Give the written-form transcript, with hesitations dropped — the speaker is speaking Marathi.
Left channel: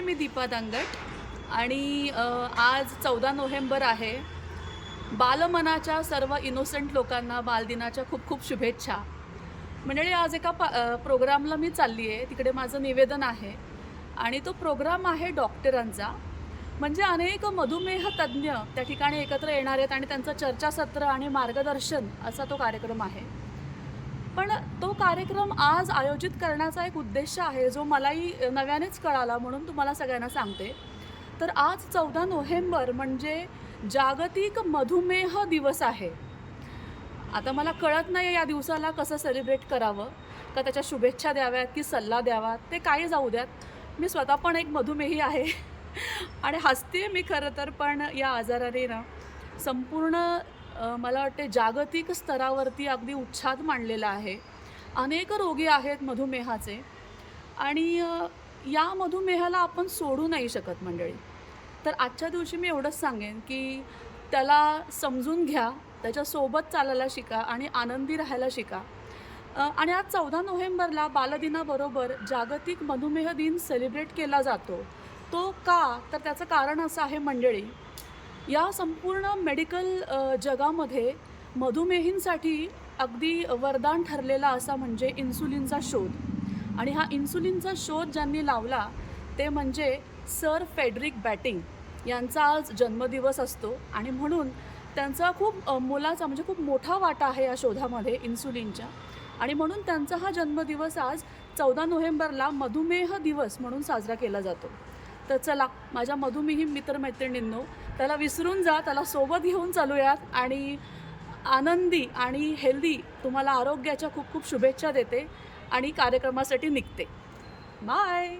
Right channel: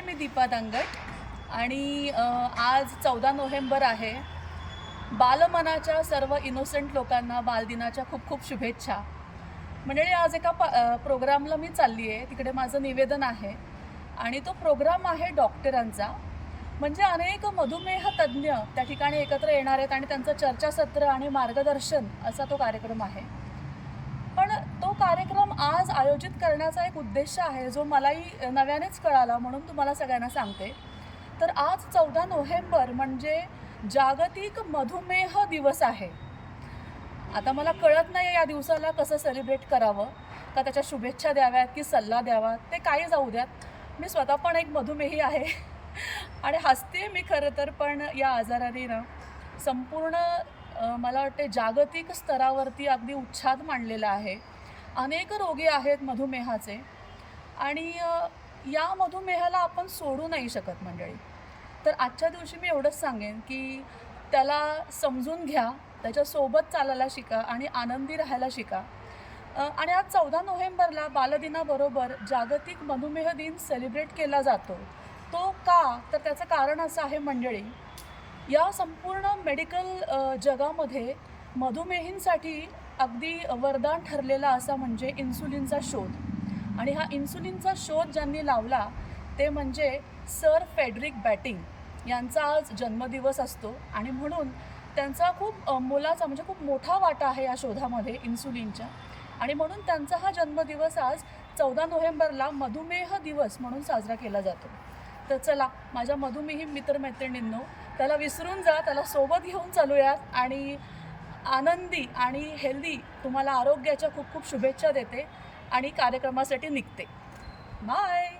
मी दीपा दांगट आणि आज 14 नोव्हेंबर आहे. बालमनाच्या सर्व इनोसेंट लोकांना बालदिनाच्या खूप खूप शुभेच्छा. मंडळी आज एका प्रोग्रामला मी चालली आहे. तिकडे माझं निवेदन आहे आणि तो प्रोग्राम आहे डॉक्टरांचा. म्हणजे अनेक मधुमेह तज्ज्ञ त्या ठिकाणी एकत्र येणार आहेत आणि त्यांचं चर्चासत्र आणि मार्गदर्शन असा तो कार्यक्रम आहे. पण तो कार्यक्रम आज आयोजित करण्याचा एक उद्देश आहे जो मलाही नव्यानेच कळाला, म्हणून तुम्हाला सगळ्यांना सांगते. तर आज 14 नोव्हेंबर म्हणजे जागतिक मधुमेह दिवस आहे. आता मला कळत नाही या दिवसाला कसं सेलिब्रेट करावं, का त्याच्या शुभेच्छा द्याव्यात की सल्ला द्यावा, ते काही जाऊ द्यात. मी स्वतः पण एक मधुमेही आहे आणि हसते मी खरं तर, पण या आजाराने ना संपूर्ण मला वाटते जागतिक स्तरावरती अगदी उच्छाद मांडलेला आहे. अनेक रोगी आहेत मधुमेहाचे आणि या मधुमेहाला आपण सोडू नाही शकत मंडळी. तर आजच्या दिवशी मी एवढंच सांगेन की त्याला समजून घ्या, त्याच्यासोबत चालायला शिका आणि आनंदी राहायला शिका. आणि आज 14 नोव्हेंबरला बालदिनाबरोबर जागतिक मधुमेह दिन सेलिब्रेट केला जातो. तो का? तर त्याचं कारण असं आहे मंडळी, या संपूर्ण मेडिकल जगामध्ये मधुमेहींसाठी अगदी वरदान ठरलेला असा म्हणजे इन्सुलिनचा शोध. आणि हा इन्सुलिनचा शोध ज्यांनी लावला ते म्हणजे सर फेडरिक बॅटिंग यांचा आज जन्मदिवस असतो आणि म्हणून त्यांचा खूप मोलाचा म्हणजे खूप मोठा वाटा आहे या शोधामध्ये इन्सुलिनच्या. आणि म्हणून त्यांचा हा जन्मदिवस आज 14 नोव्हेंबरला मधुमेह दिवस म्हणून साजरा केला जातो. तर चला माझ्या मधुमेही मित्रमैत्रिणींनो, त्याला विसरून जा, त्याला सोबत घेऊन चालूयात आणि आनंदी आणि हेल्दी तुम्हाला आरोग्याच्या खूप खूप शुभेच्छा देते आणि कार्यक्रमासाठी निघते. बाय.